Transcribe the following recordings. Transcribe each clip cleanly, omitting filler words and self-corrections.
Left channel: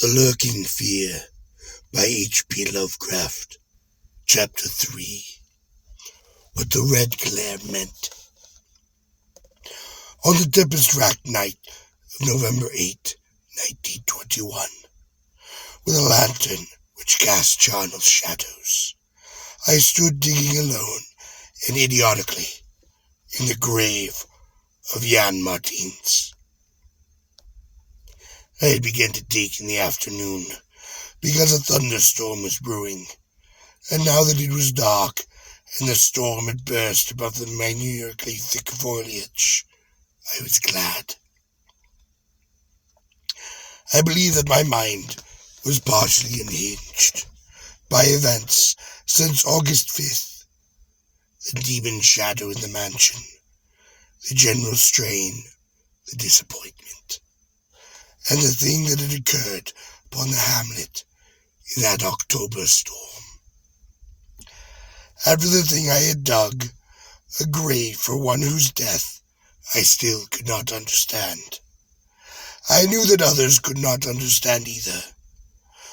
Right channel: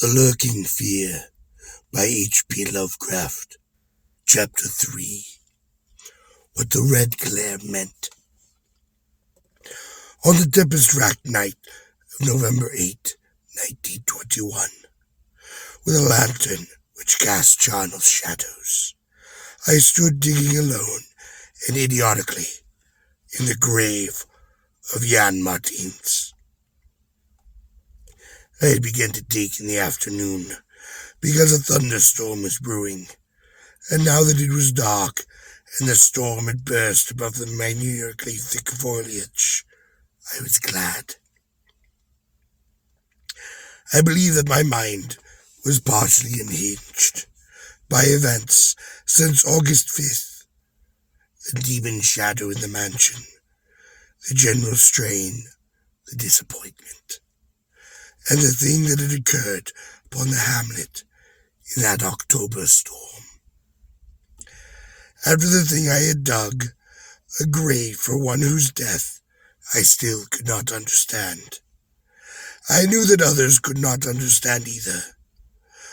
The Lurking Fear by H.P. Lovecraft. Chapter 3. What the Red Glare Meant. On the tempest-racked night of November 8, 1921, with a lantern which cast charnel shadows, I stood digging alone and idiotically in the grave of Jan Martins. I had begun to dig in the afternoon because a thunderstorm was brewing, and now that it was dark and the storm had burst above the minutely thick foliage, I was glad. I believe that my mind was partially unhinged by events since August 5th, the demon shadow in the mansion, the general strain, the disappointment, and the thing that had occurred upon the hamlet in that October storm. After the thing I had dug, a grave for one whose death I still could not understand. I knew that others could not understand either,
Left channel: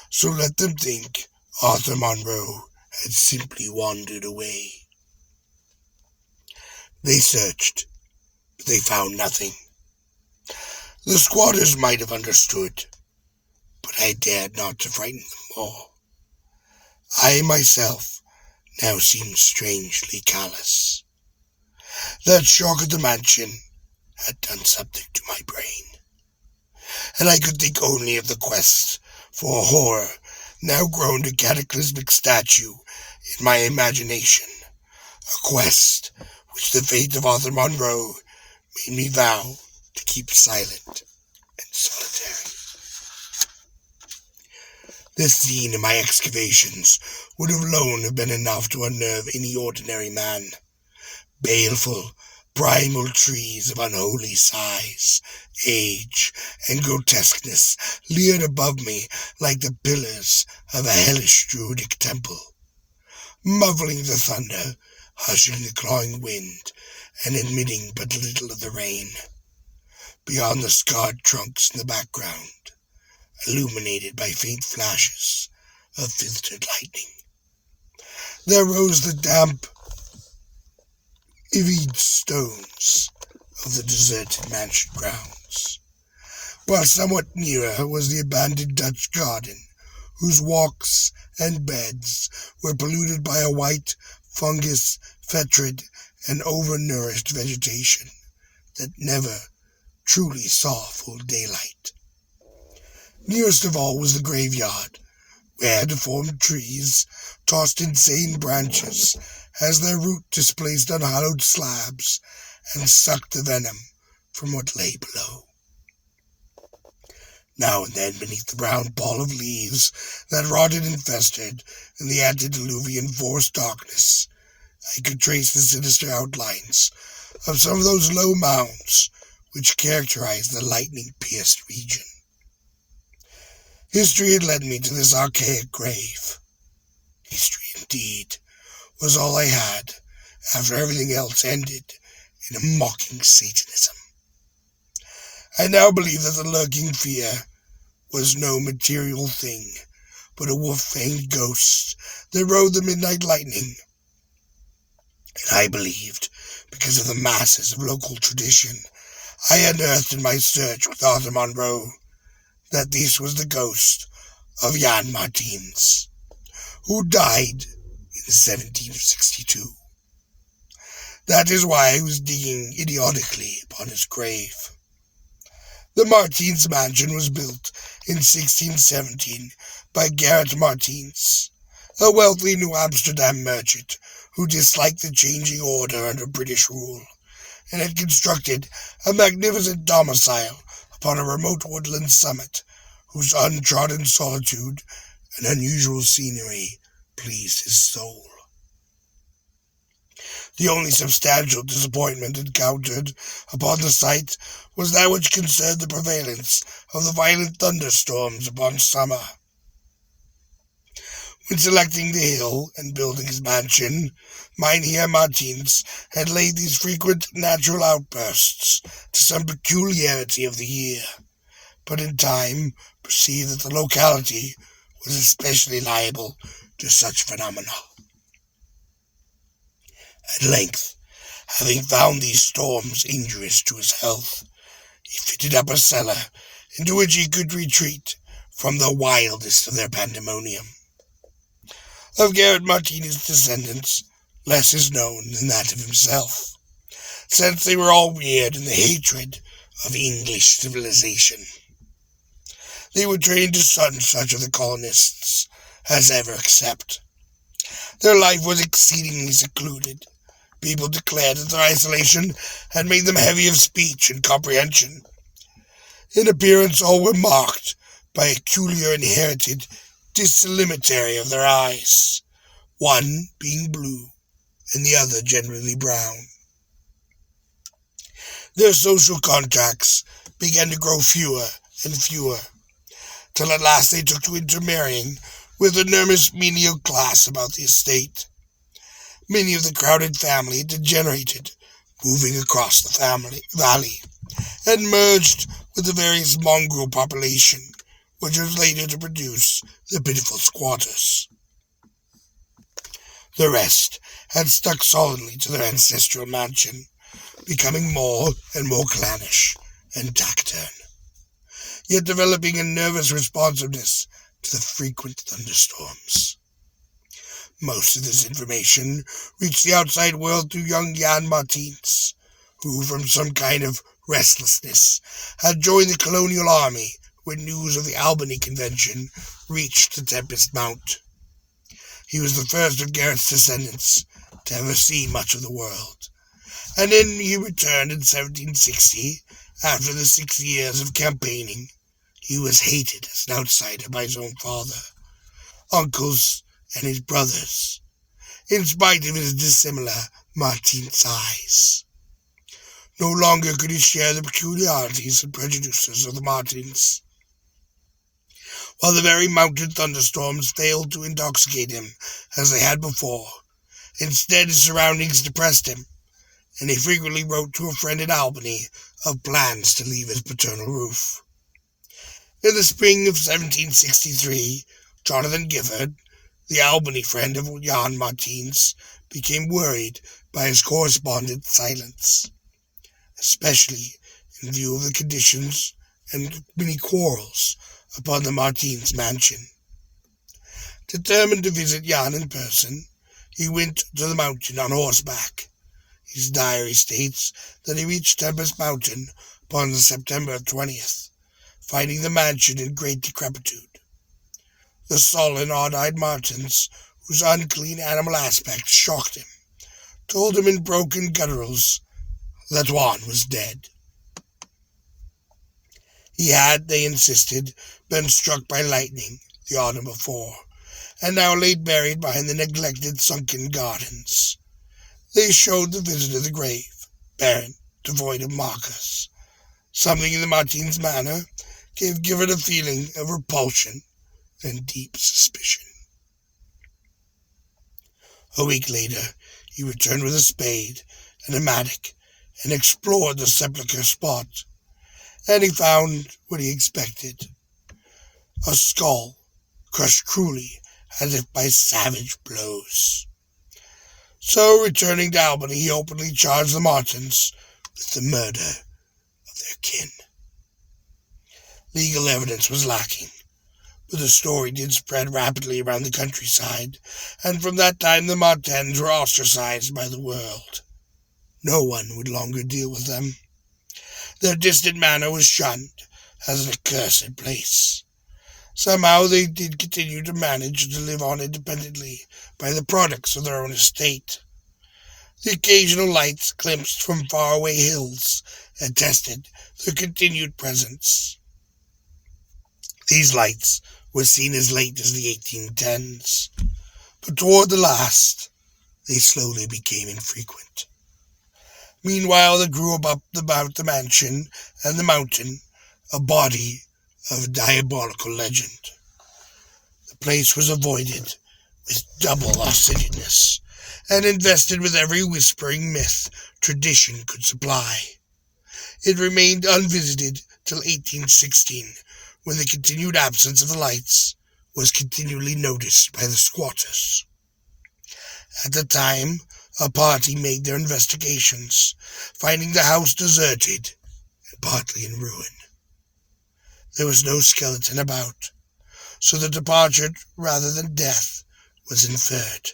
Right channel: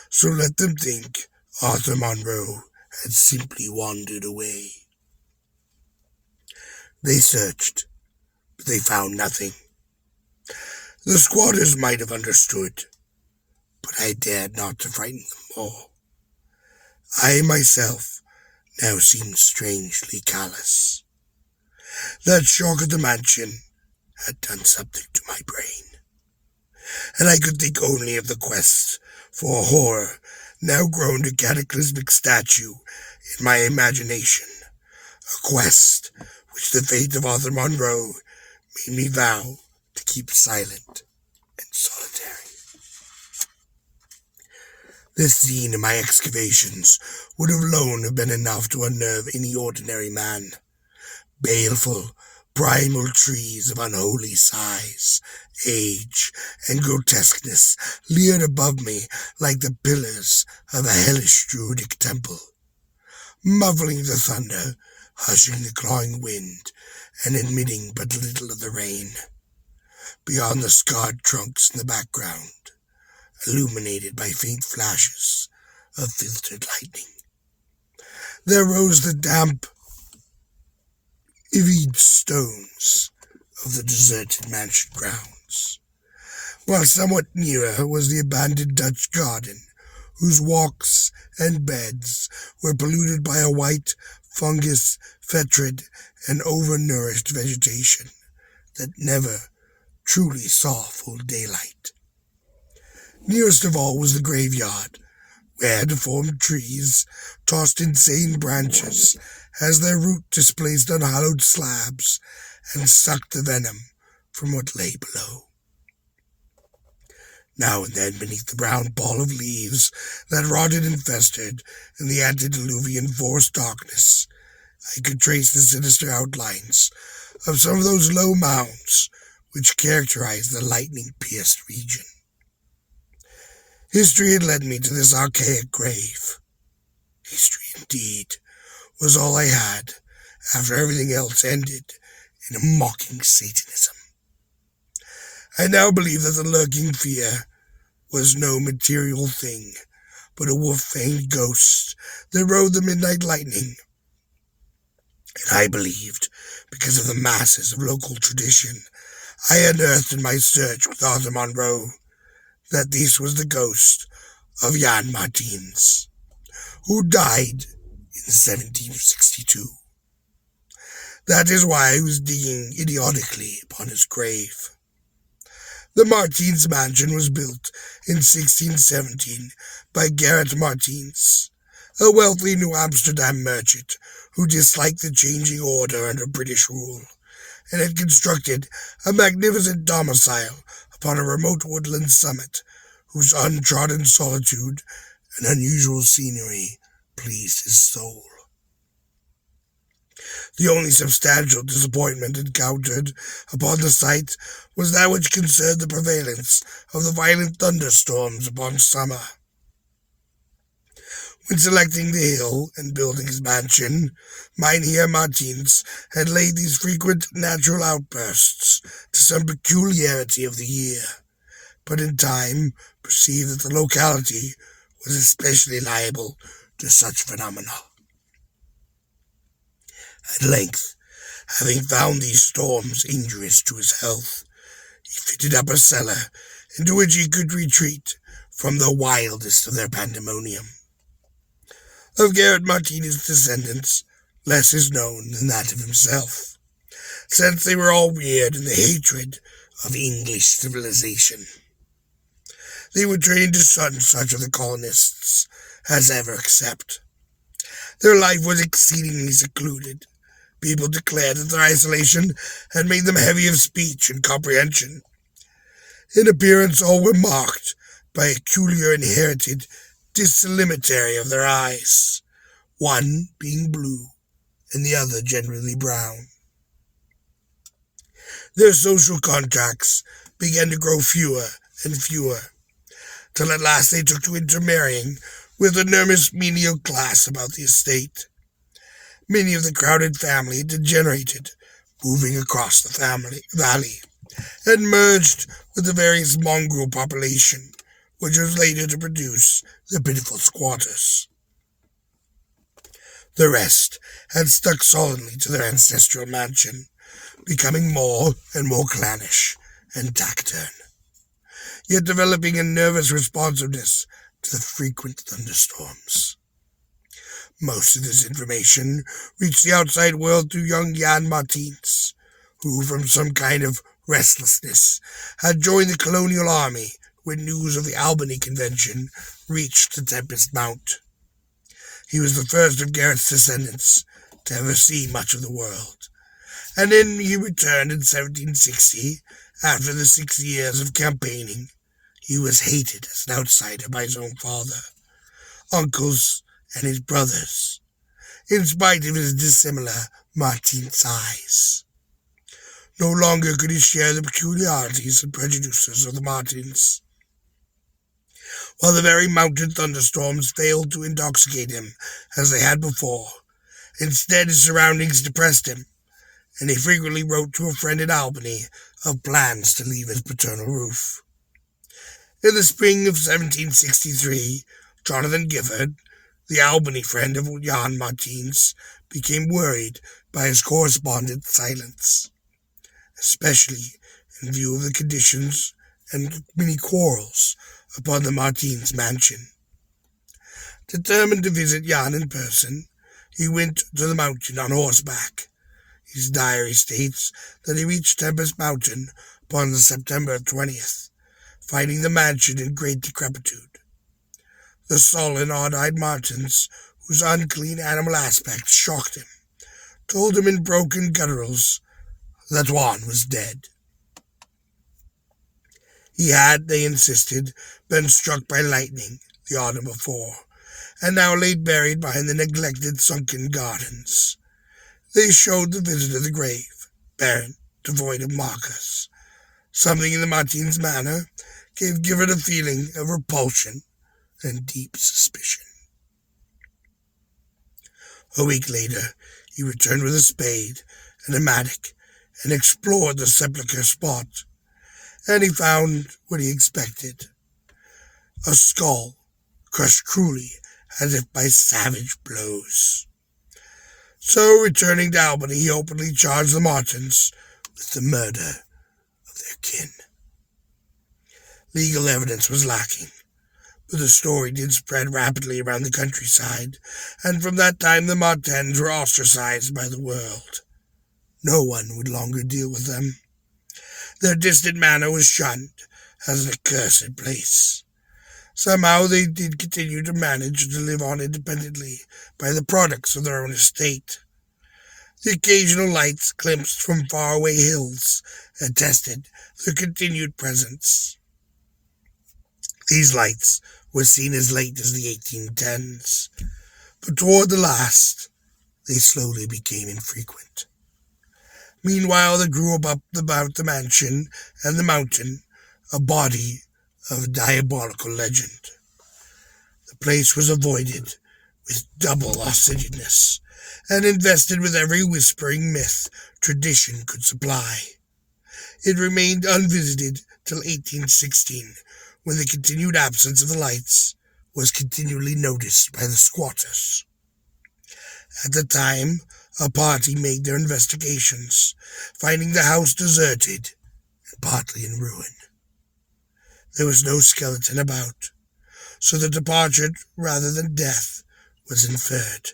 so let them think Arthur Monroe had simply wandered away. They searched, but they found nothing. The squatters might have understood, but I dared not to frighten them more. I myself now seemed strangely callous. That shock at the mansion had done something to my brain, and I could think only of the quest for horror now grown to cataclysmic statue in my imagination, a quest which the fate of Arthur Monroe made me vow to keep silent and solitary. This scene of my excavations would have alone been enough to unnerve any ordinary man. Baleful, primal trees of unholy size, age, and grotesqueness leered above me like the pillars of a hellish druidic temple, muffling the thunder, hushing the clawing wind, and admitting but little of the rain. Beyond the scarred trunks in the background, illuminated by faint flashes of filtered lightning, there rose the damp, ivied stones of the deserted mansion grounds, while somewhat nearer was the abandoned Dutch garden, whose walks and beds were polluted by a white, fungus, fetid, and overnourished vegetation that never truly saw full daylight. Nearest of all was the graveyard, where deformed trees tossed insane branches as their root displaced unhallowed slabs and sucked the venom from what lay below. Now and then, beneath the brown pall of leaves that rotted and festered in the antediluvian forest darkness, I could trace the sinister outlines of some of those low mounds which characterized the lightning-pierced region. History had led me to this archaic grave. History, indeed, was all I had after everything else ended in a mocking Satanism. I now believe that the lurking fear was no material thing, but a wolf-fanged ghost that rode the midnight lightning. And I believed, because of the masses of local tradition I unearthed in my search with Arthur Monroe, that this was the ghost of Jan Martins, who died in 1762. That is why I was digging idiotically upon his grave. The Martins mansion was built in 1617 by Gerrit Martins, a wealthy New Amsterdam merchant who disliked the changing order under British rule, and had constructed a magnificent domicile upon a remote woodland summit whose untrodden solitude and unusual scenery pleased his soul. The only substantial disappointment encountered upon the site was that which concerned the prevalence of the violent thunderstorms upon summer. When selecting the hill and building his mansion, Mynheer Martins had laid these frequent natural outbursts to some peculiarity of the year, but in time perceived that the locality was especially liable to such phenomena. At length, having found these storms injurious to his health, he fitted up a cellar into which he could retreat from the wildest of their pandemonium. Of Garrett Martinez's descendants, less is known than that of himself, since they were all reared in the hatred of English civilization. They were trained to shun such of the colonists as ever accept. Their life was exceedingly secluded. People declared that their isolation had made them heavy of speech and comprehension. In appearance, all were marked by a peculiar inherited dissimilarity of their eyes, one being blue and the other generally brown. Their social contacts began to grow fewer and fewer, till at last they took to intermarrying with the enormous menial class about the estate. Many of the crowded family degenerated, moving across the valley, and merged with the various mongrel population, which was later to produce the pitiful squatters. The rest had stuck solidly to their ancestral mansion, becoming more and more clannish and taciturn, yet developing a nervous responsiveness to the frequent thunderstorms. Most of this information reached the outside world through young Jan Martins, who, from some kind of restlessness, had joined the colonial army when news of the Albany Convention reached the Tempest Mount. He was the first of Garrett's descendants to ever see much of the world, and then he returned in 1760 after the 6 years of campaigning. He was hated as an outsider by his own father, uncles, and his brothers, in spite of his dissimilar Martin size. No longer could he share the peculiarities and prejudices of the Martins. While the very mountain thunderstorms failed to intoxicate him as they had before, instead his surroundings depressed him, and he frequently wrote to a friend in Albany of plans to leave his paternal roof. In the spring of 1763, Jonathan Gifford, the Albany friend of Jan Martins, became worried by his correspondent's silence, especially in view of the conditions and many quarrels upon the Martins' mansion. Determined to visit Jan in person, he went to the mountain on horseback. His diary states that he reached Tempest Mountain upon the September 20th, finding the mansion in great decrepitude. The sullen, odd-eyed Martins, whose unclean animal aspect shocked him, told him in broken gutturals that Juan was dead. He had, they insisted, been struck by lightning the autumn before, and now lay buried behind the neglected sunken gardens. They showed the visitor the grave, barren, devoid of markers. Something in the Martins' manner gave Gifford a feeling of repulsion and deep suspicion. A week later, he returned with a spade and a mattock and explored the sepulchre spot, and he found what he expected: a skull crushed cruelly as if by savage blows. So, returning to Albany, he openly charged the Martins with the murder of their kin. Legal evidence was lacking, but the story did spread rapidly around the countryside, and from that time the Martins were ostracized by the world. No one would longer deal with them. Their distant manor was shunned as an accursed place. Somehow they did continue to manage to live on independently by the products of their own estate. The occasional lights glimpsed from faraway hills attested their continued presence. These lights were seen as late as the 1810s, but toward the last they slowly became infrequent. Meanwhile, there grew up about the mansion and the mountain a body of diabolical legend. The place was avoided with double assiduousness, and invested with every whispering myth tradition could supply. It remained unvisited till 1816, when the continued absence of the lights was continually noticed by the squatters. At the time, a party made their investigations, finding the house deserted and partly in ruin. There was no skeleton about, so the departure rather than death was inferred.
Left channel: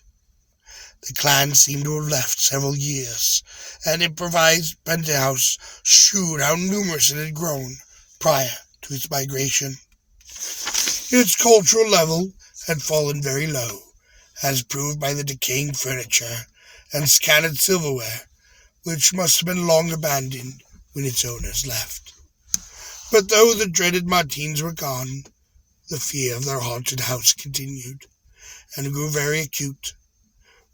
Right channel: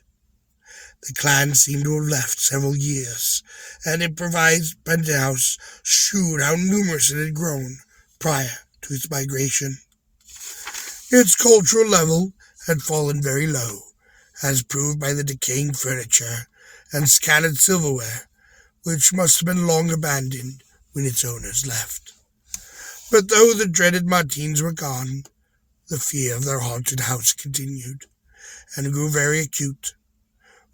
The clan seemed to have left several years, and improvised penthouse shewed how numerous it had grown prior to its migration. Its cultural level had fallen very low, as proved by the decaying furniture and scattered silverware, which must have been long abandoned when its owners left. But though the dreaded Martins were gone, the fear of their haunted house continued, and grew very acute,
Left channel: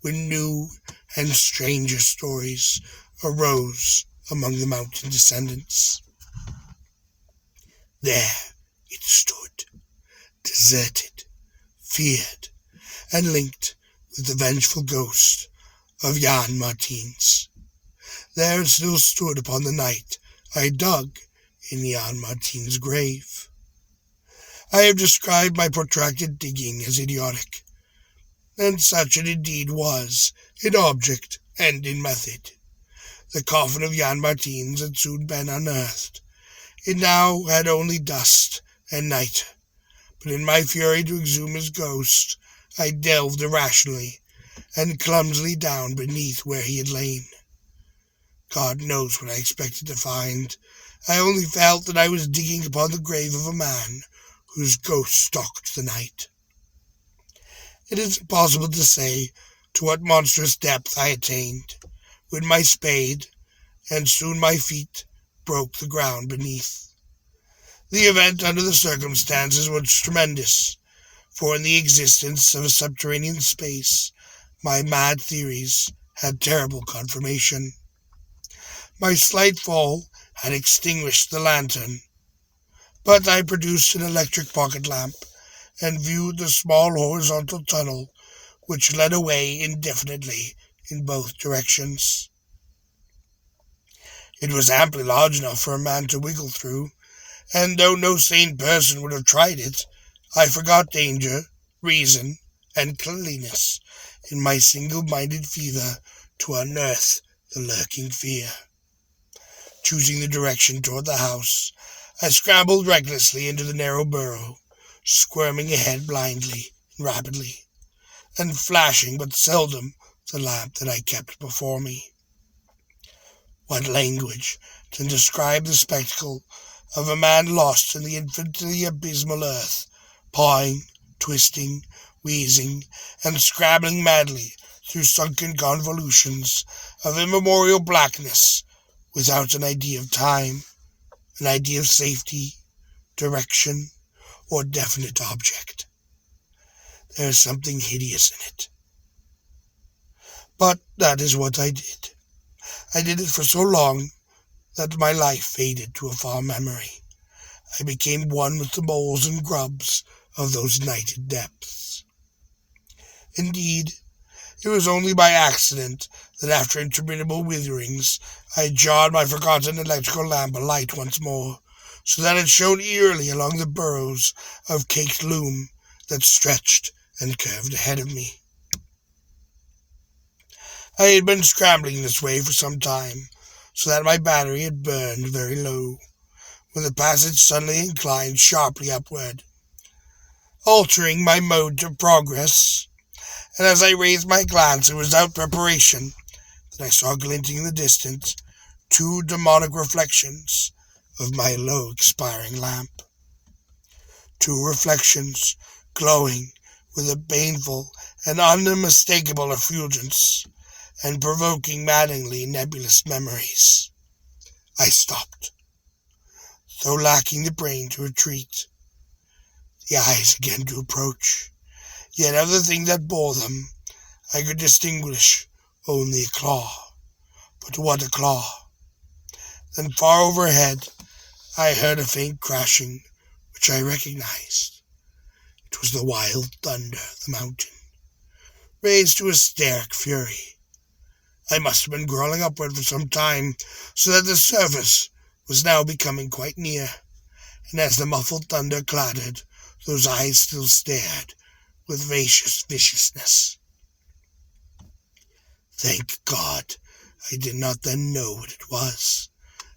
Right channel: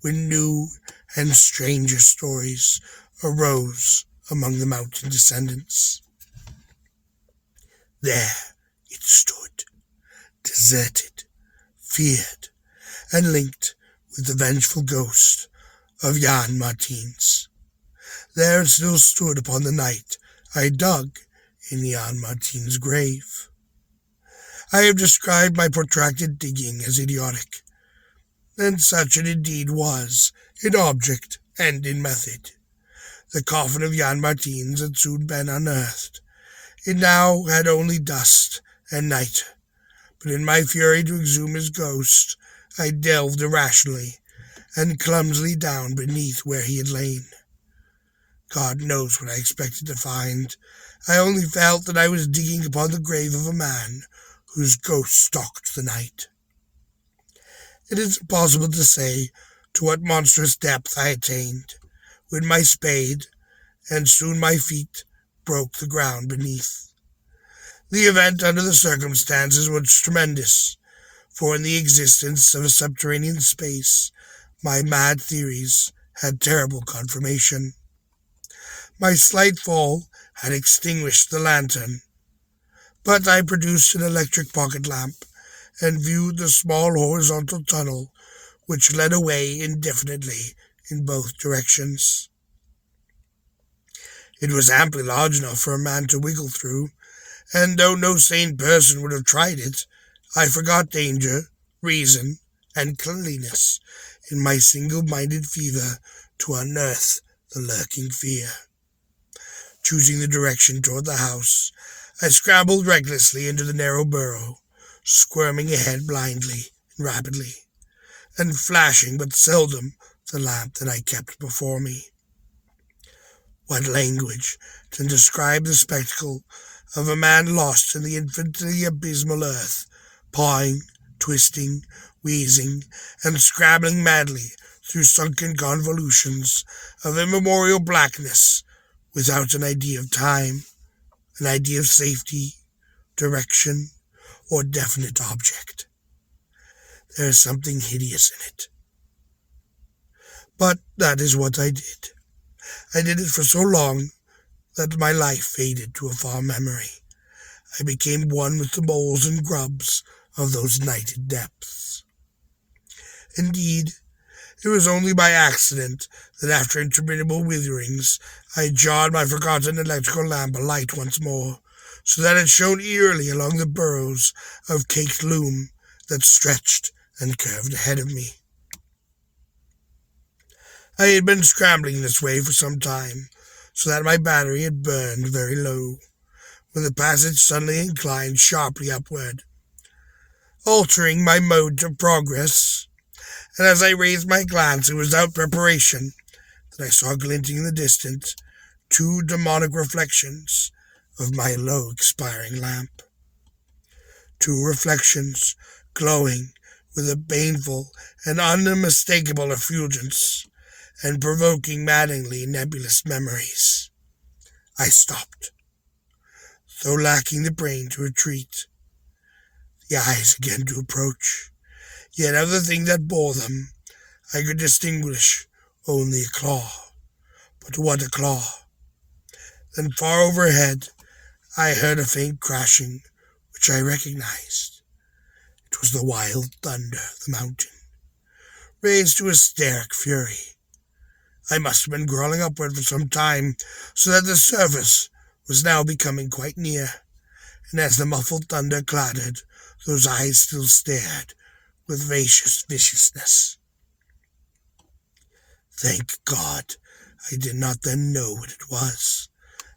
when new and stranger stories arose among the mountain descendants. There it stood, deserted, feared, and linked with the vengeful ghost of Jan Martins. There it still stood upon the night I dug in Jan Martins' grave. I have described my protracted digging as idiotic, and such it indeed was, in object and in method. The coffin of Jan Martins had soon been unearthed. It now had only dust and nitre, but in my fury to exhume his ghost, I delved irrationally and clumsily down beneath where he had lain. God knows what I expected to find. I only felt that I was digging upon the grave of a man whose ghost stalked the night. It is impossible to say to what monstrous depth I attained when my spade, and soon my feet, broke the ground beneath. The event under the circumstances was tremendous, for in the existence of a subterranean space, my mad theories had terrible confirmation. My slight fall had extinguished the lantern, but I produced an electric pocket lamp and viewed the small horizontal tunnel which led away indefinitely in both directions. It was amply large enough for a man to wiggle through, and though no sane person would have tried it, I forgot danger, reason, and cleanliness in my single-minded fever to unearth the lurking fear. Choosing the direction toward the house, I scrambled recklessly into the narrow burrow, squirming ahead blindly and rapidly, and flashing but seldom the lamp that I kept before me. What language can describe the spectacle of a man lost in the infinitely abysmal earth, pawing, twisting, wheezing, and scrabbling madly through sunken convolutions of immemorial blackness, without an idea of time, an idea of safety, direction, or definite object? There is something hideous in it. But that is what I did. I did it for so long that my life faded to a far memory. I became one with the moles and grubs of those nighted depths. Indeed, it was only by accident that after interminable witherings I jarred my forgotten electrical lamp alight once more, so that it shone eerily along the burrows of caked loom that stretched and curved ahead of me. I had been scrambling this way for some time, so that my battery had burned very low, when the passage suddenly inclined sharply upward, altering my mode of progress, and as I raised my glance it was without preparation that I saw glinting in the distance 2 demonic reflections of my low expiring lamp. 2 reflections glowing with a baneful and unmistakable effulgence, and provoking maddeningly nebulous memories. I stopped, though lacking the brain to retreat, the eyes again to approach, yet of the thing that bore them I could distinguish only a claw. But what a claw! Then far overhead I heard a faint crashing, which I recognized. It was the wild thunder of the mountain, raised to hysteric fury. I must have been crawling upward for some time, so that the surface was now becoming quite near. and as the muffled thunder clattered, those eyes still stared with viciousness. Thank God I did not then know what it was,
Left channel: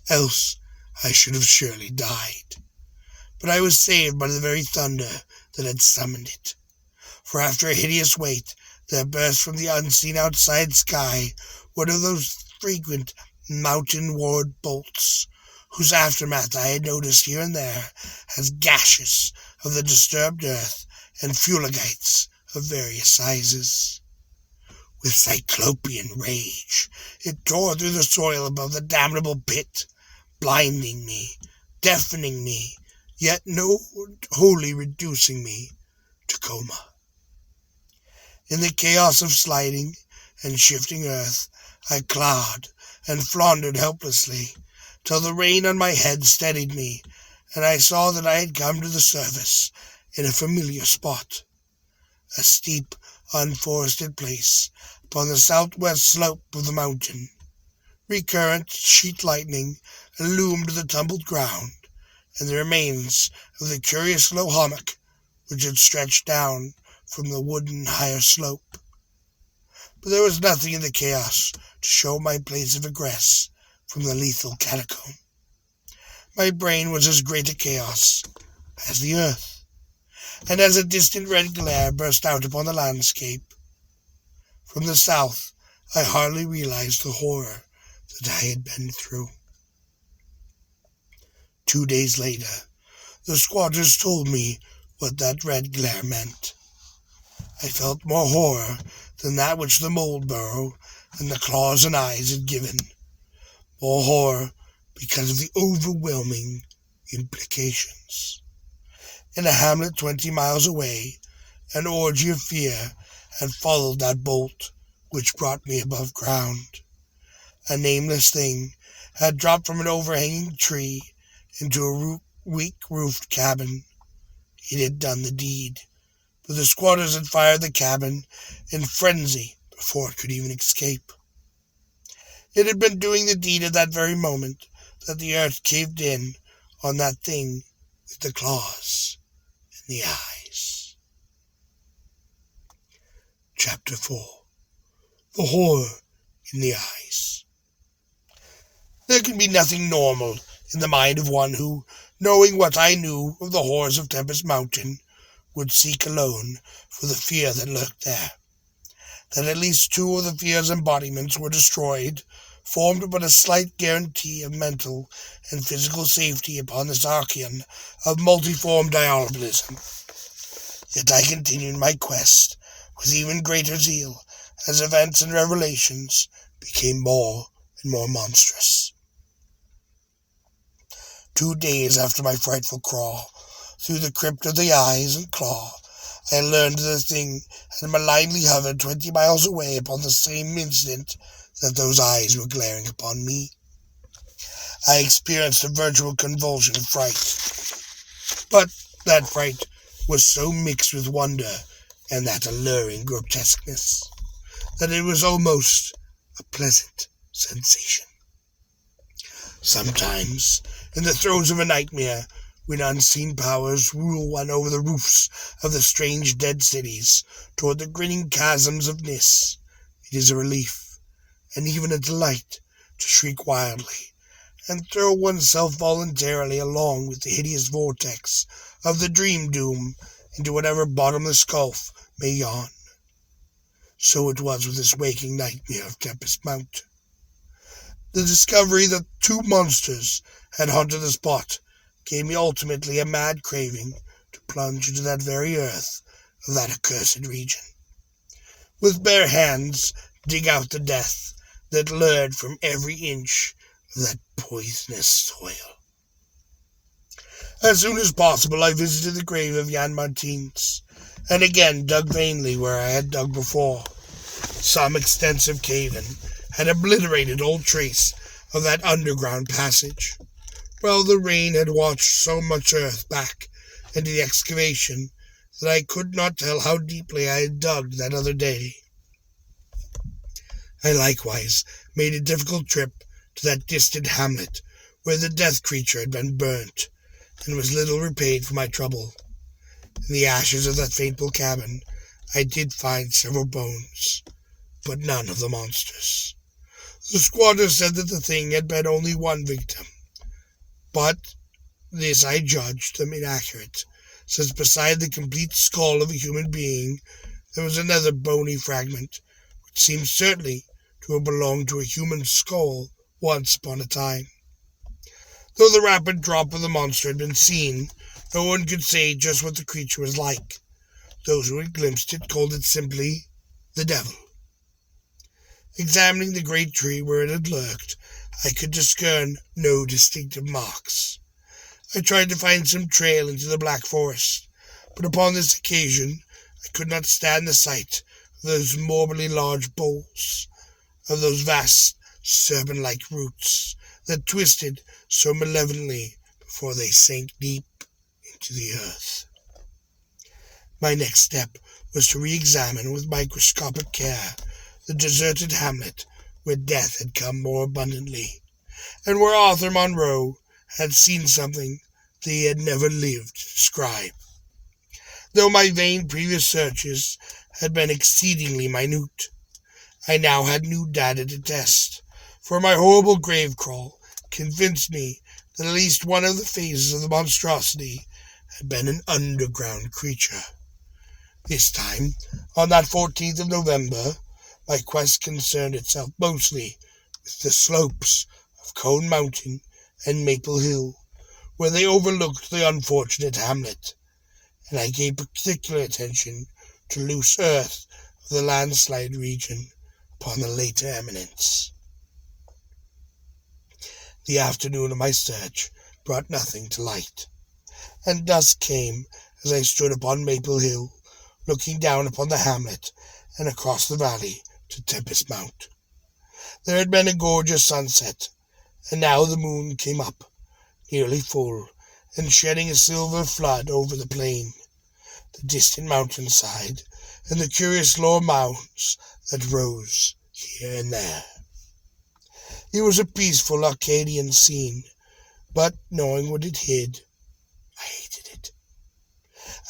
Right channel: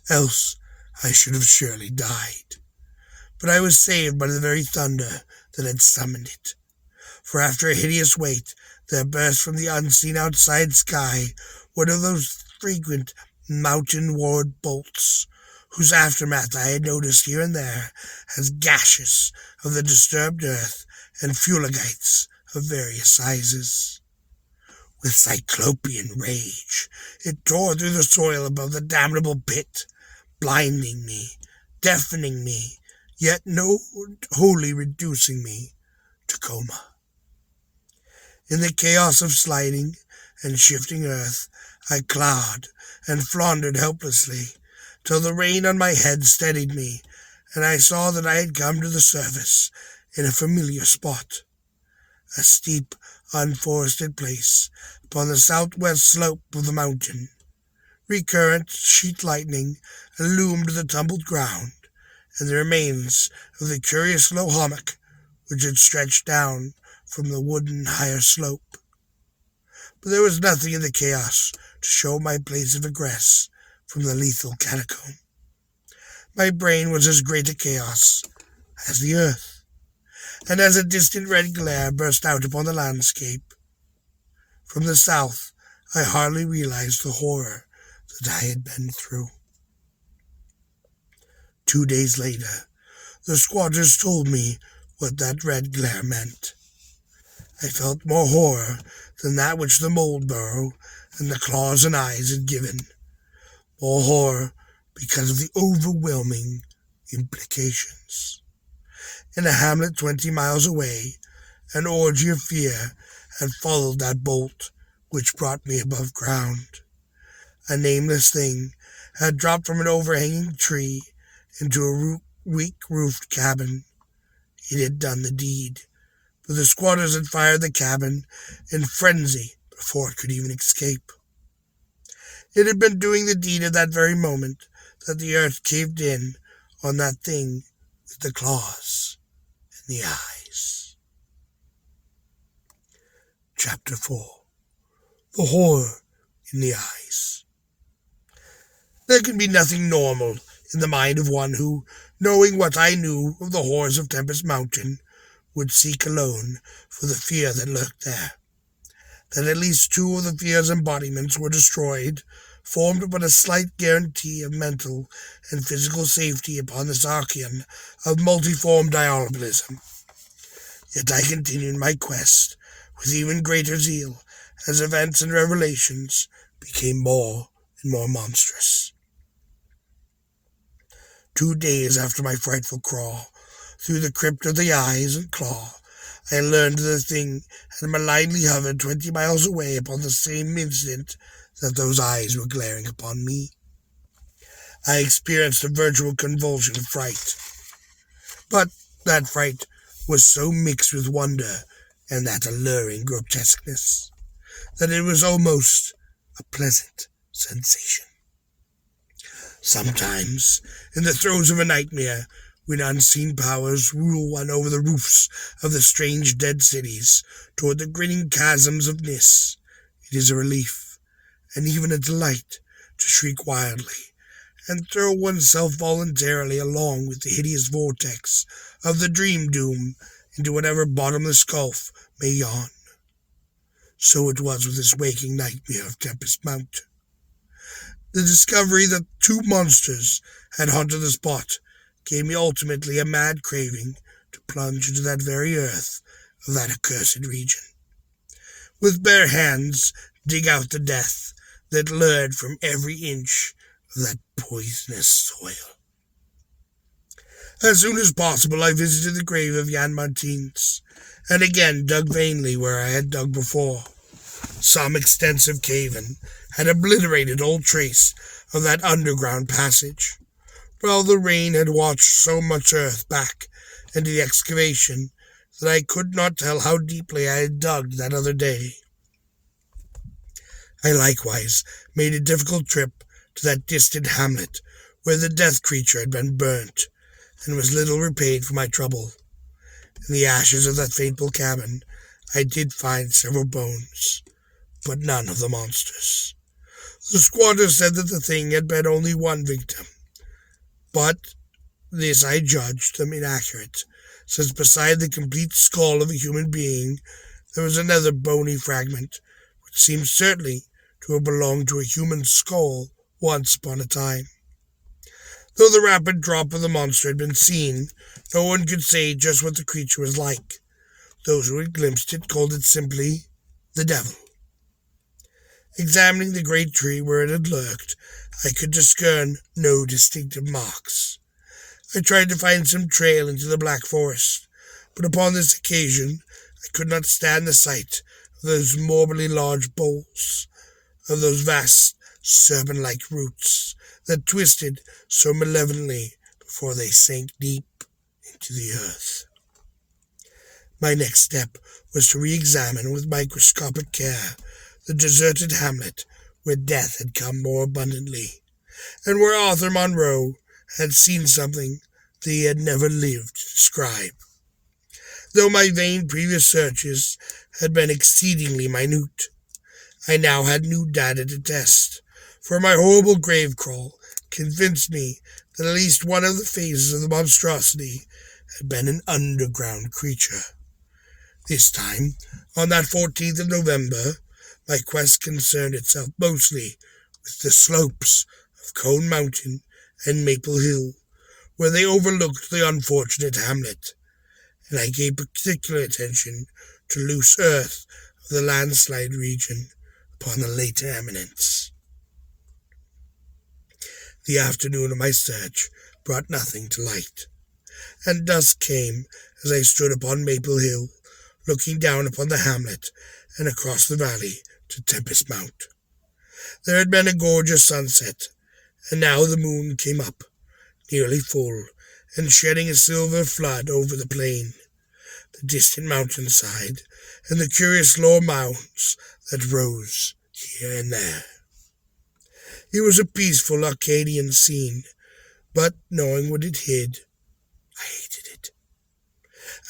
else I should have surely died. But I was saved by the very thunder that had summoned it, for after a hideous wait, there burst from the unseen outside sky one of those frequent mountain-ward bolts, whose aftermath I had noticed here and there as gashes of the disturbed earth and fuligites of various sizes. With cyclopean rage, it tore through the soil above the damnable pit, blinding me, deafening me, yet no wholly reducing me to coma. In the chaos of sliding and shifting earth, I clawed and floundered helplessly, till the rain on my head steadied me, and I saw that I had come to the surface in a familiar spot, a steep, unforested place upon the southwest slope of the mountain. Recurrent sheet lightning illumined the tumbled ground, and the remains of the curious low hummock which had stretched down from the wooden higher slope. But there was nothing in the chaos to show my place of egress from the lethal catacomb. My brain was as great a chaos as the earth, and as a distant red glare burst out upon the landscape from the south, I hardly realized the horror that I had been through. 2 days later, the squatters told me what that red glare meant. I felt more horror than that which the mold burrow and the claws and eyes had given. More horror because of the overwhelming implications. In a hamlet 20 miles away, an orgy of fear had followed that bolt which brought me above ground. A nameless thing had dropped from an overhanging tree into a weak-roofed cabin. It had done the deed, but the squatters had fired the cabin in frenzy before it could even escape. It had been doing the deed at that very moment that the earth caved in on that thing with the claws and the eyes. Chapter 4. The Horror in the Eyes. There can be nothing normal in the mind of one who, knowing what I knew of the horrors of Tempest Mountain, would seek alone for the fear that lurked there. That at least 2 of the fear's embodiments were destroyed formed but a slight guarantee of mental and physical safety upon this Archeon of multiform diabolism. Yet I continued my quest with even greater zeal as events and revelations became more and more monstrous. 2 days after my frightful crawl through the crypt of the eyes and claw, I learned the thing had malignly hovered 20 miles away upon the same instant that those eyes were glaring upon me. I experienced a virtual convulsion of fright, but that fright was so mixed with wonder and that alluring grotesqueness that it was almost a pleasant sensation. Sometimes, in the throes of a nightmare, when unseen powers rule one over the roofs of the strange dead cities toward the grinning chasms of Nis, it is a relief, and even a delight, to shriek wildly and throw oneself voluntarily along with the hideous vortex of the dream doom into whatever bottomless gulf may yawn. So it was with this waking nightmare of Tempest Mountain. The discovery that 2 monsters had haunted the spot gave me ultimately a mad craving to plunge into that very earth of that accursed region. With bare hands dig out the death that lured from every inch of that poisonous soil. As soon as possible I visited the grave of Jan Martins, and again dug vainly where I had dug before. Some extensive cave-in had obliterated all trace of that underground passage, while the rain had washed so much earth back into the excavation that I could not tell how deeply I had dug that other day. I likewise made a difficult trip to that distant hamlet where the death creature had been burnt, and was little repaid for my trouble. In the ashes of that fateful cabin, I did find several bones, but none of the monsters. The squatter said that the thing had been only one victim, but this I judged them inaccurate, since beside the complete skull of a human being, there was another bony fragment, which seemed certainly to have belonged to a human skull once upon a time. Though the rapid drop of the monster had been seen, no one could say just what the creature was like. Those who had glimpsed it called it simply the devil. Examining the great tree where it had lurked, I could discern no distinctive marks. I tried to find some trail into the black forest, but upon this occasion I could not stand the sight of those morbidly large boles, of those vast serpent-like roots that twisted so malevolently before they sank deep into the earth. My next step was to re-examine with microscopic care the deserted hamlet where death had come more abundantly, and where Arthur Monroe had seen something that he had never lived to describe. Though my vain previous searches had been exceedingly minute, I now had new data to test, for my horrible grave crawl convinced me that at least one of the phases of the monstrosity had been an underground creature. This time, on that 14th of November, my quest concerned itself mostly with the slopes of Cone Mountain and Maple Hill, where they overlooked the unfortunate hamlet, and I gave particular attention to loose earth of the landslide region upon the later eminence. The afternoon of my search brought nothing to light, and dusk came as I stood upon Maple Hill, looking down upon the hamlet and across the valley to Tempest Mount. There had been a gorgeous sunset, and now the moon came up, nearly full, and shedding a silver flood over the plain, the distant mountainside, and the curious lower mounds that rose here and there. It was a peaceful Arcadian scene, but knowing what it hid, I hated it.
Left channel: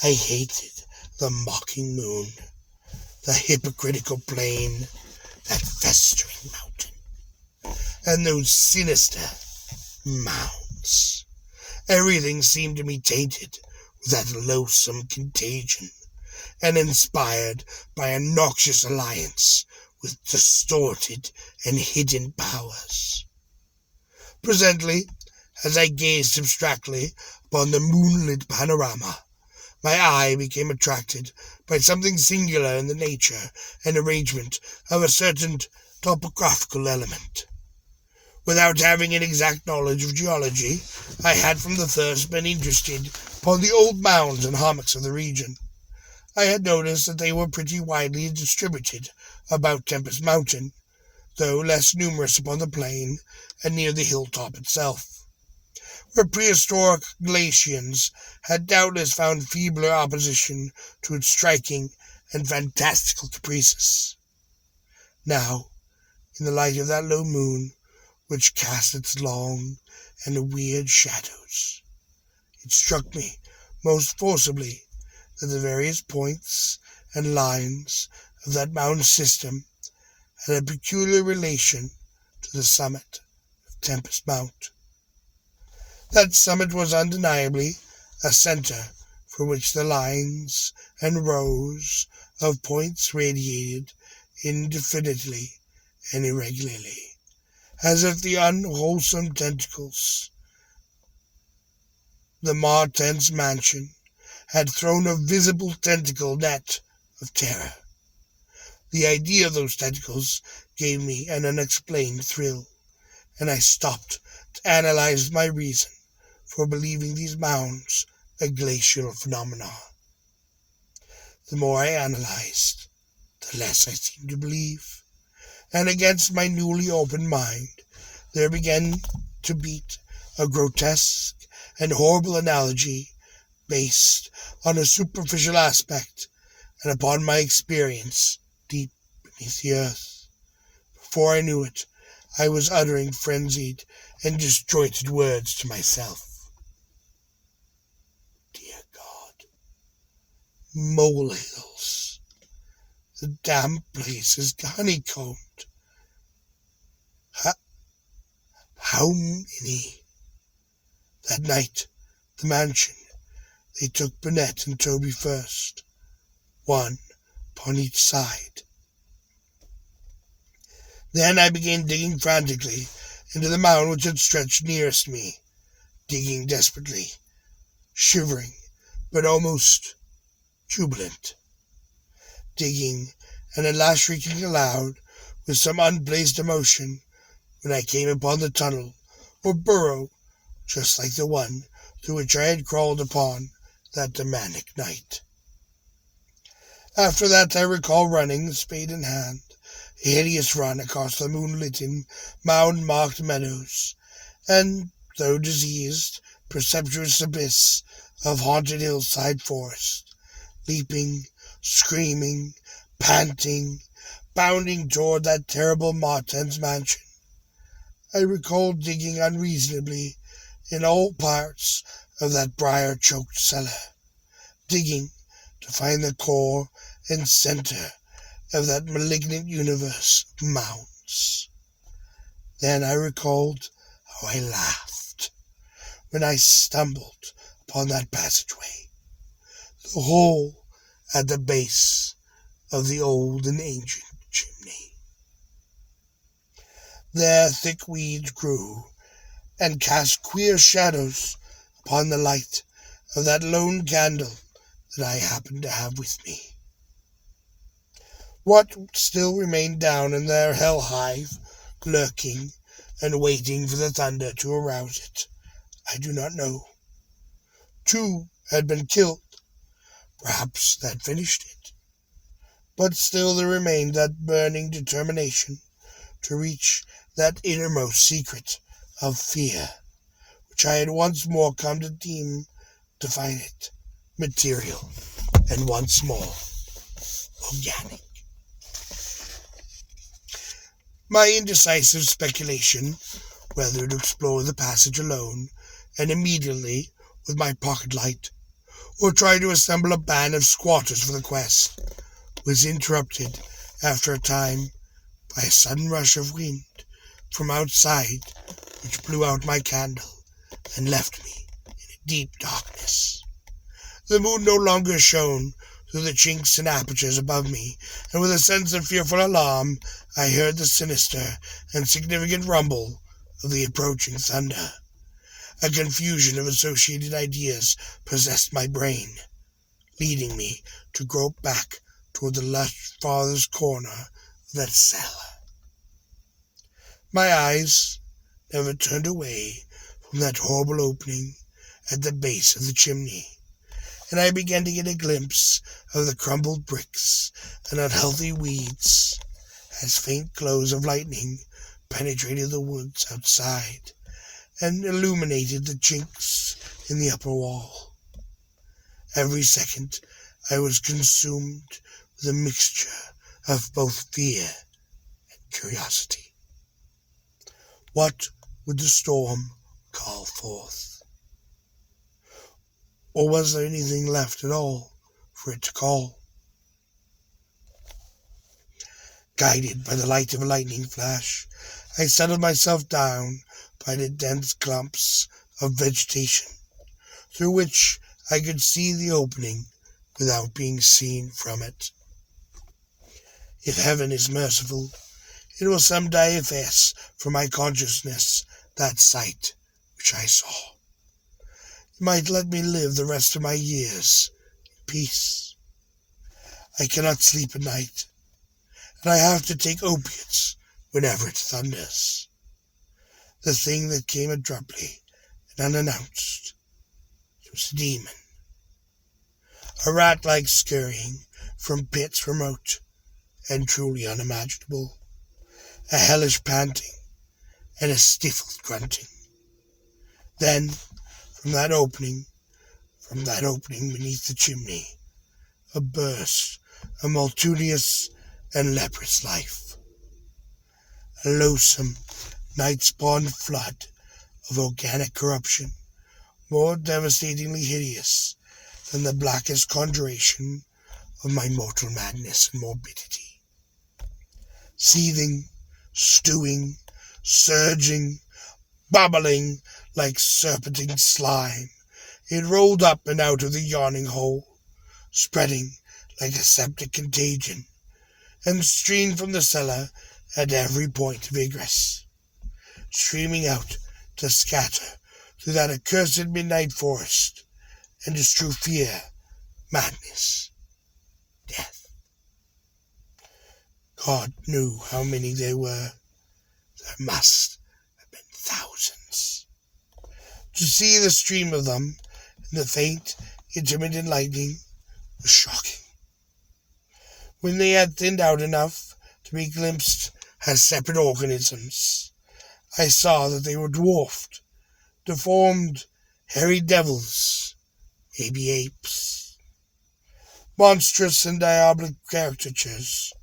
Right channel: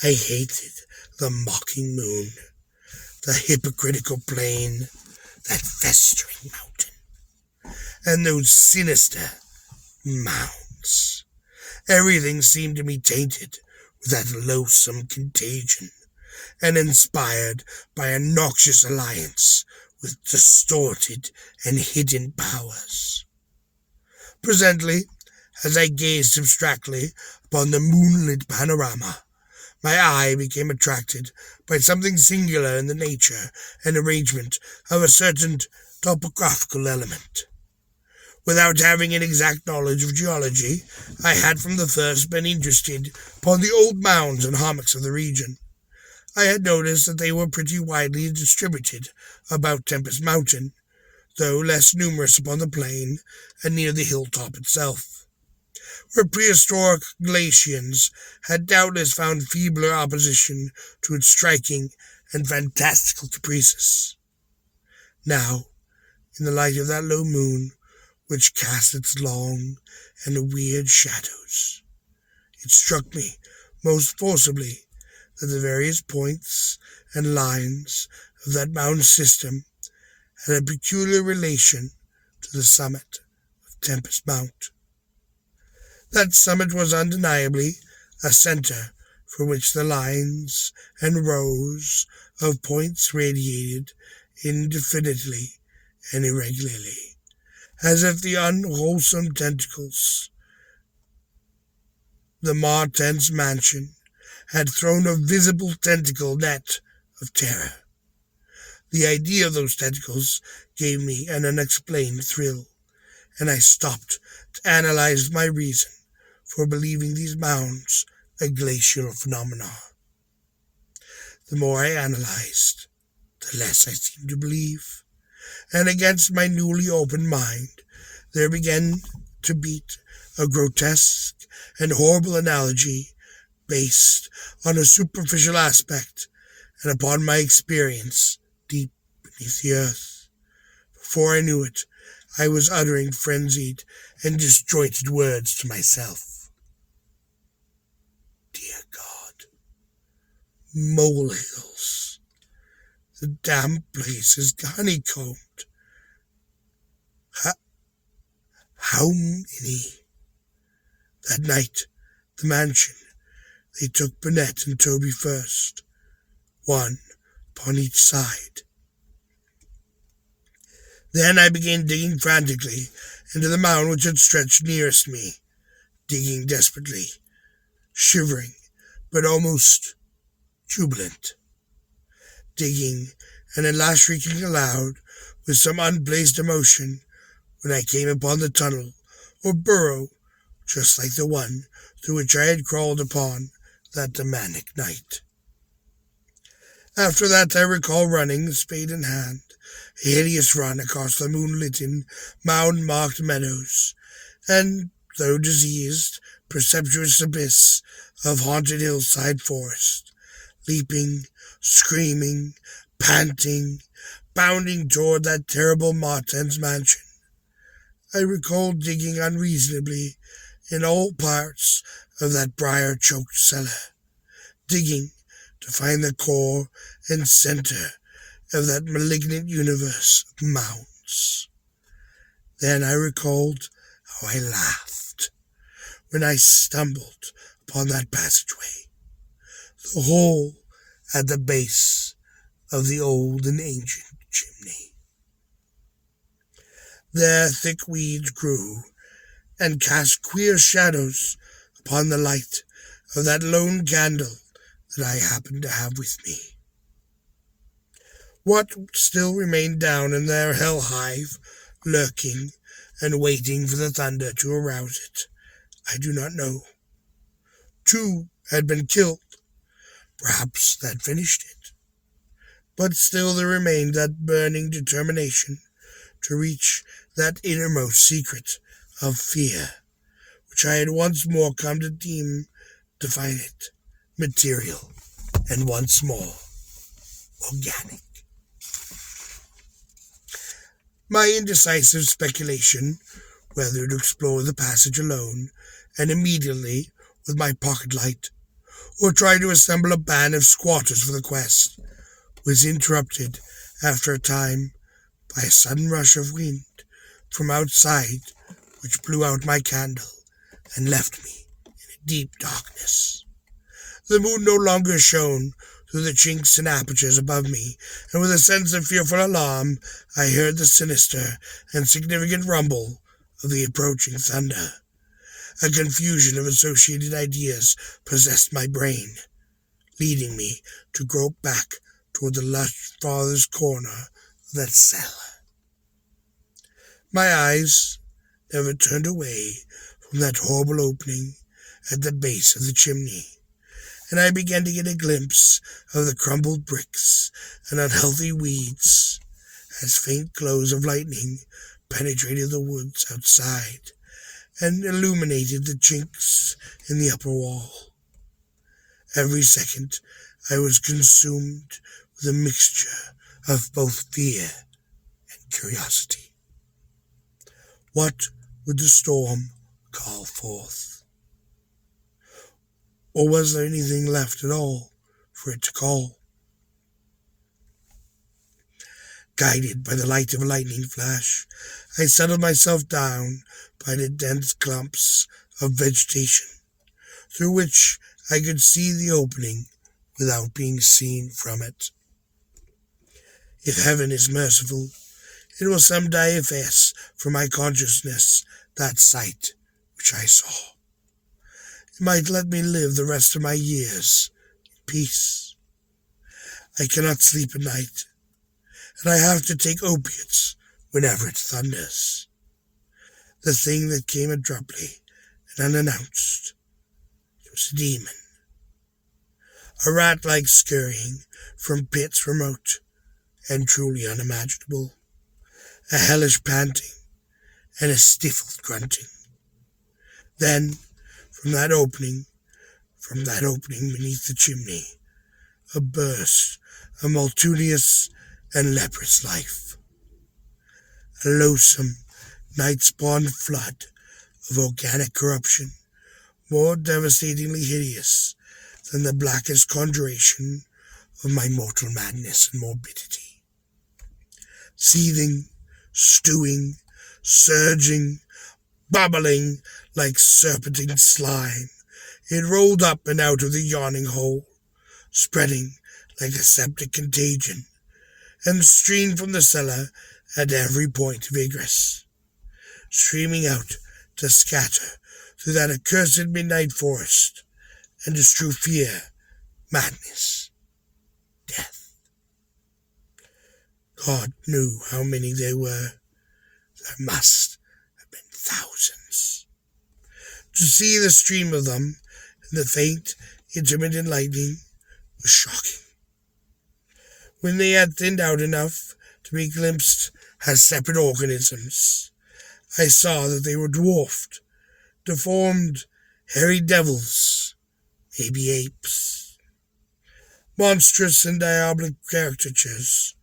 I hated the mocking moon, the hypocritical plain, that festering mountain, and those sinister mounds. Everything seemed to me tainted with that loathsome contagion, and inspired by a noxious alliance with distorted and hidden powers. Presently, as I gazed abstractly upon the moonlit panorama, my eye became attracted by something singular in the nature and arrangement of a certain topographical element. Without having an exact knowledge of geology, I had from the first been interested upon the old mounds and hummocks of the region. I had noticed that they were pretty widely distributed about Tempest Mountain, though less numerous upon the plain and near the hilltop itself, where prehistoric glacians had doubtless found feebler opposition to its striking and fantastical caprices. Now, in the light of that low moon, which cast its long and weird shadows, it struck me most forcibly that the various points and lines of that mountain system had a peculiar relation to the summit of Tempest Mount. That summit was undeniably a center for which the lines and rows of points radiated indefinitely and irregularly, as if the unwholesome tentacles, the Martens mansion, had thrown a visible tentacle net of terror. The idea of those tentacles gave me an unexplained thrill, and I stopped to analyze my reason for believing these mounds a glacial phenomenon. The more I analyzed, the less I seemed to believe, and against my newly opened mind there began to beat a grotesque and horrible analogy based on a superficial aspect and upon my experience deep beneath the earth. Before I knew it, I was uttering frenzied and disjointed words to myself. molehills. The damp place is honeycombed. How many? That night, the mansion, they took Burnett and Toby first, one upon each side. Then I began digging frantically into the mound which had stretched nearest me, digging desperately, shivering, but almost jubilant. Digging, and at last shrieking aloud with some unplaced emotion when I came upon the tunnel or burrow just like the one through which I had crawled upon that demonic night. After that I recall running, spade in hand, a hideous run across the moonlit, mound-marked meadows, and, though diseased, perceptuous abyss of haunted hillside forest, leaping, screaming, panting, bounding toward that terrible Martin's mansion. I recall digging unreasonably in all parts of that briar-choked cellar, digging to find the core and center of that malignant universe of mounds. Then I recalled how I laughed when I stumbled upon that passageway, the hole at the base of the old and ancient chimney. There thick weeds grew and cast queer shadows upon the light of that lone candle that I happened to have with me. What still remained down in their hell hive, lurking and waiting for the thunder to arouse it, I do not know. 2 had been killed. Perhaps that finished it. But still there remained that burning determination to reach that innermost secret of fear, which I had once more come to deem definite, material, and once more organic. My indecisive speculation whether to explore the passage alone and immediately with my pocket light, or try to assemble a band of squatters for the quest, was interrupted after a time by a sudden rush of wind from outside which blew out my candle and left me in a deep darkness. The moon no longer shone through the chinks and apertures above me, and with a sense of fearful alarm I heard the sinister and significant rumble of the approaching thunder. A confusion of associated ideas possessed my brain, leading me to grope back toward the lush farthest corner of that cellar. My eyes never turned away from that horrible opening at the base of the chimney, and I began to get a glimpse of the crumbled bricks and unhealthy weeds as faint glows of lightning penetrated the woods outside and illuminated the chinks in the upper wall. Every second I was consumed with a mixture of both fear and curiosity. What would the storm call forth? Or was there anything left at all for it to call? Guided by the light of a lightning flash, I settled myself down by the dense clumps of vegetation, through which I could see the opening without being seen from it. If heaven is merciful, it will some day efface from my consciousness that sight which I saw. It might let me live the rest of my years in peace. I cannot sleep at night, and I have to take opiates whenever it thunders. The thing that came abruptly and unannounced was a demon. A rat-like scurrying from pits remote and truly unimaginable. A hellish panting and a stifled grunting. Then, from that opening beneath the chimney, a burst of multitudinous and leprous life. A loathsome, night-spawned flood of organic corruption, more devastatingly hideous than the blackest conjuration of my mortal madness and morbidity. Seething, stewing, surging, bubbling like serpentine slime, it rolled up and out of the yawning hole, spreading like a septic contagion, and streamed from the cellar at every point of egress, streaming out to scatter through that accursed midnight forest, and to strew fear, madness, death. God knew how many there were. There must have been thousands. To see the stream of them and the faint, intermittent lightning was shocking. When they had thinned out enough to be glimpsed as separate organisms, I saw that they were dwarfed, deformed, hairy devils, maybe apes, monstrous and diabolic caricatures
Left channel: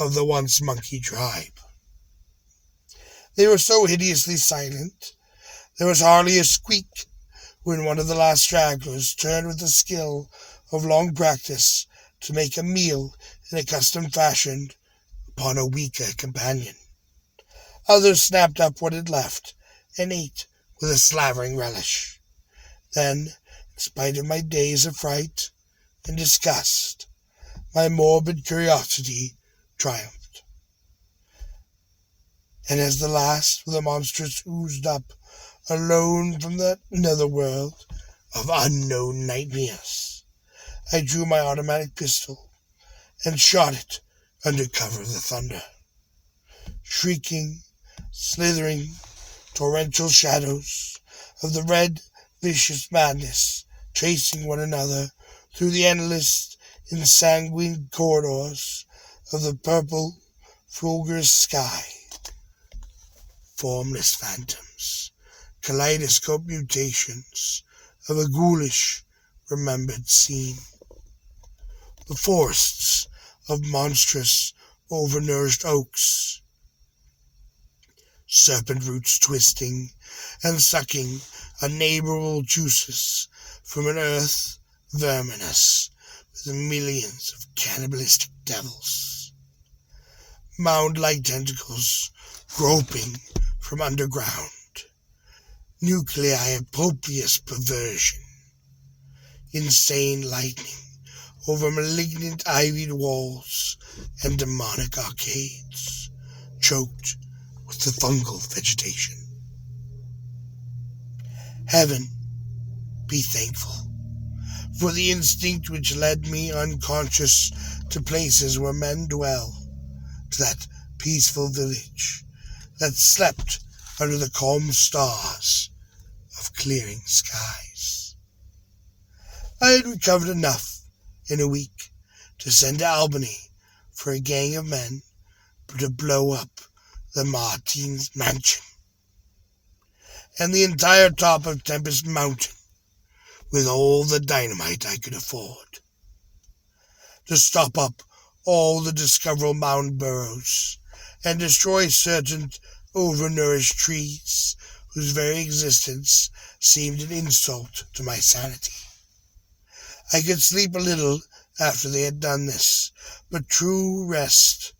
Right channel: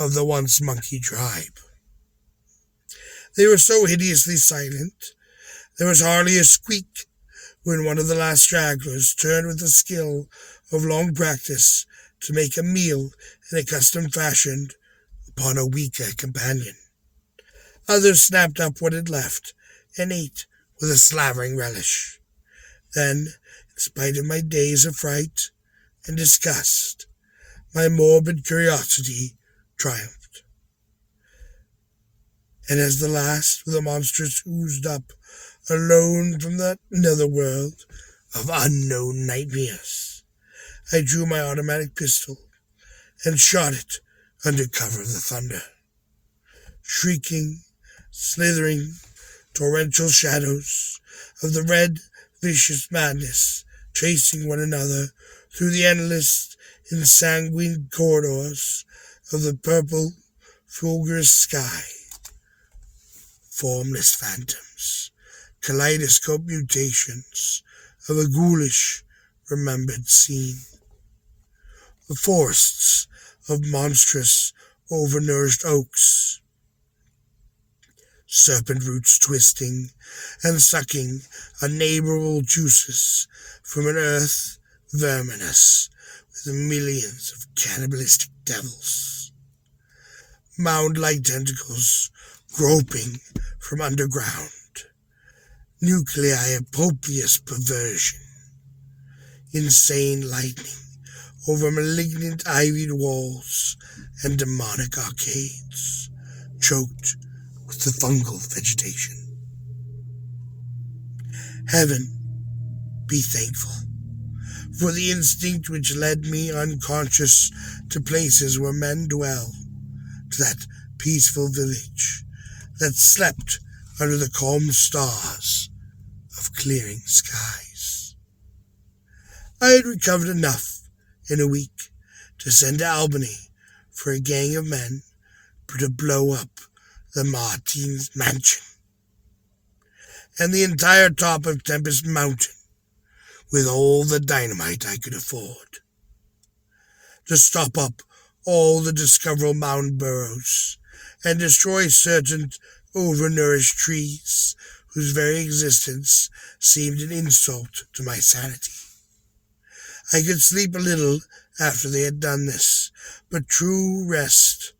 of the once monkey tribe. They were so hideously silent, there was hardly a squeak when one of the last stragglers turned with the skill of long practice to make a meal in a custom fashion upon a weaker companion. Others snapped up what it left and ate with a slavering relish. Then, in spite of my days of fright and disgust, my morbid curiosity triumphed. And as the last of the monsters oozed up, alone from the netherworld of unknown nightmares, I drew my automatic pistol and shot it under cover of the thunder. Shrieking, slithering, torrential shadows of the red, vicious madness chasing one another through the endless, ensanguined corridors of the purple, fulgurous sky. Formless phantoms, kaleidoscope mutations of a ghoulish, remembered scene. The forests of monstrous, overnourished oaks, serpent roots twisting and sucking unneighborable juices from an earth verminous with millions of cannibalistic devils, mound-like tentacles groping from underground, nuclei of copious perversion, insane lightning over malignant ivied walls and demonic arcades, choked with the fungal vegetation. Heaven be thankful for the instinct which led me unconscious to places where men dwell, to that peaceful village that slept under the calm stars of clearing skies. I had recovered enough in a week to send to Albany for a gang of men to blow up the Martins mansion and the entire top of Tempest Mountain with all the dynamite I could afford, to stop up all the discoverable mound burrows and destroy certain overnourished trees whose very existence seemed an insult to my sanity. I could sleep a little after they had done this, but true rest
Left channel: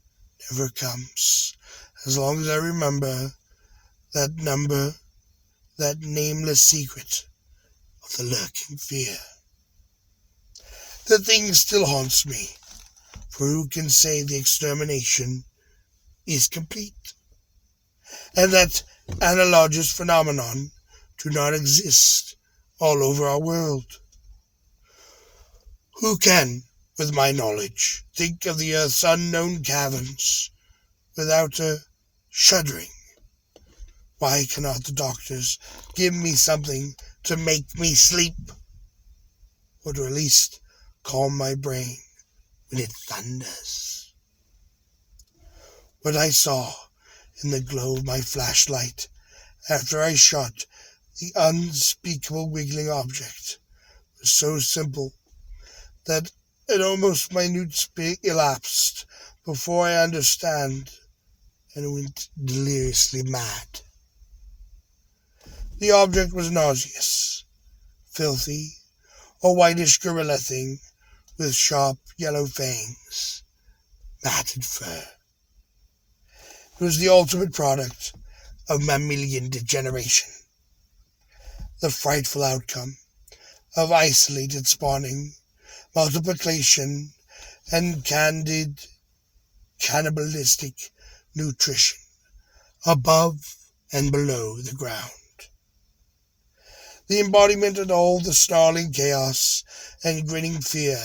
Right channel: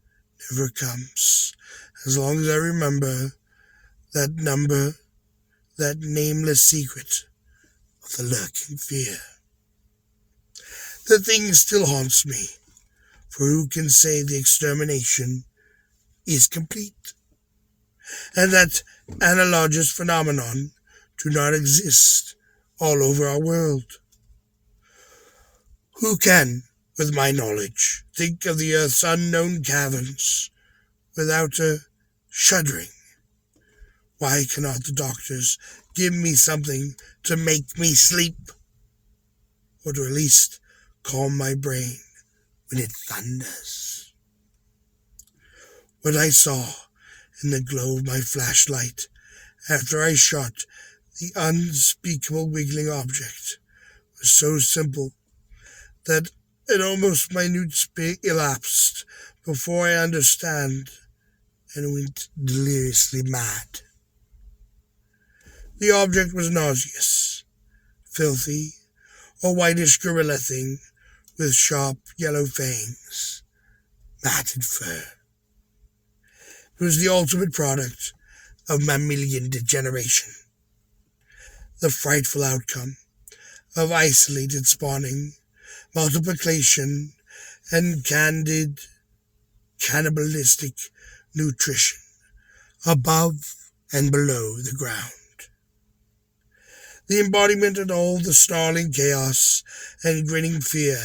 never comes as long as I remember that number, that nameless secret of the lurking fear. The thing still haunts me, for who can say the extermination is complete, and that analogous phenomenon do not exist all over our world? Who can, with my knowledge, think of the earth's unknown caverns without a shuddering? Why cannot the doctors give me something to make me sleep, or to at least calm my brain when it thunders? What I saw in the glow of my flashlight after I shot the unspeakable wiggling object was so simple that an almost minute space elapsed before I understand and went deliriously mad. The object was nauseous, filthy, a whitish gorilla thing with sharp yellow fangs, matted fur. It was the ultimate product of mammalian degeneration, the frightful outcome of isolated spawning, multiplication, and cannibalistic nutrition above and below the ground. The embodiment of all the snarling chaos and grinning fear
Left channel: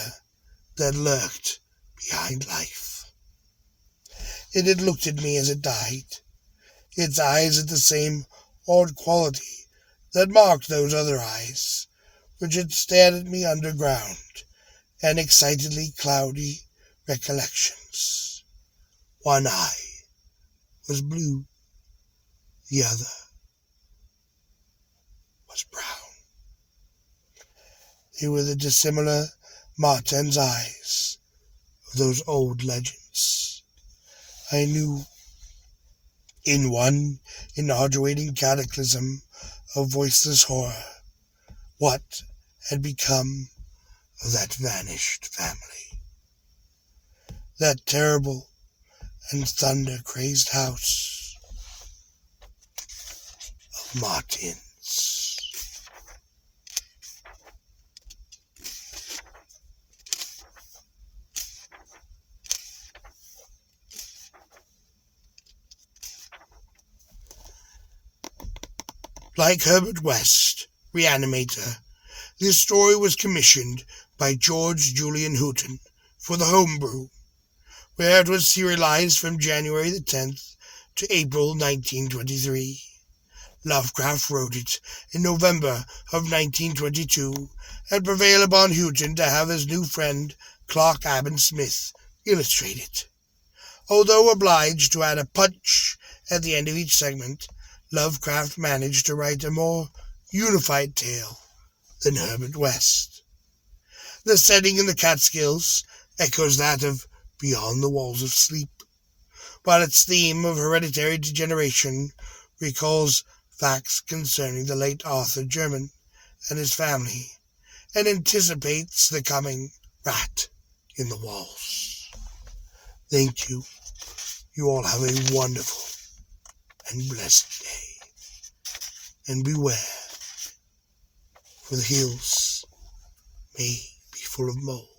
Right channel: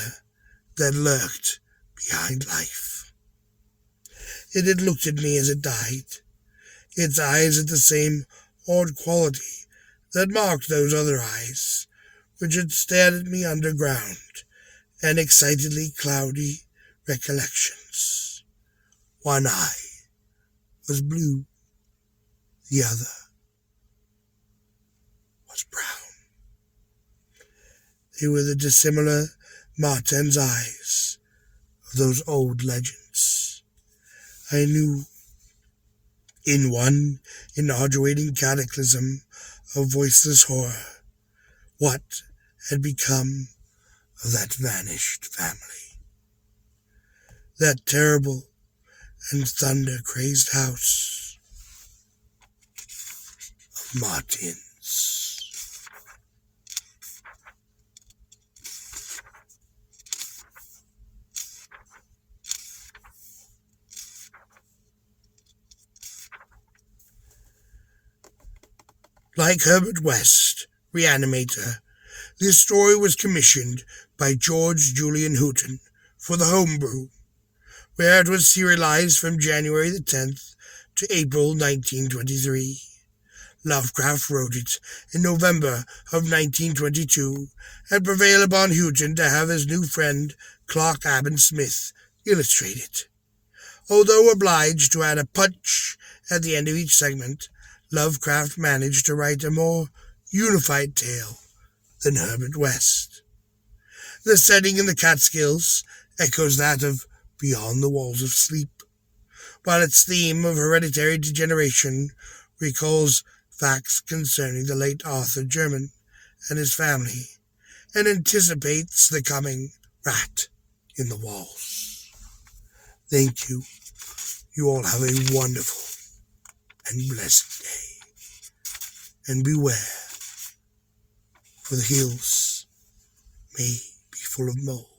that lurked behind life. It had looked at me as it died. Its eyes had the same odd quality that marked those other eyes, which had stared at me underground, and excitedly cloudy recollections. One eye was blue, the other was brown. They were the dissimilar Martin's eyes of those old legends. I knew, in one inaugurating cataclysm of voiceless horror, what had become of that vanished family. That terrible and thunder-crazed house of Martins. Like Herbert West, Reanimator, this story was commissioned by George Julian Houghton for the Homebrew, where it was serialized from January the 10th to April 1923. Lovecraft wrote it in November of 1922 and prevailed upon Houghton to have his new friend Clark Aben Smith illustrate it. Although obliged to add a punch at the end of each segment, Lovecraft managed to write a more unified tale than Herbert West. The setting in the Catskills echoes that of Beyond the Walls of Sleep, while its theme of hereditary degeneration recalls facts concerning the late Arthur German and his family, and anticipates the coming rat in the walls. Thank you. You all have a wonderful and blessed day. And beware, for the hills may be full of mold.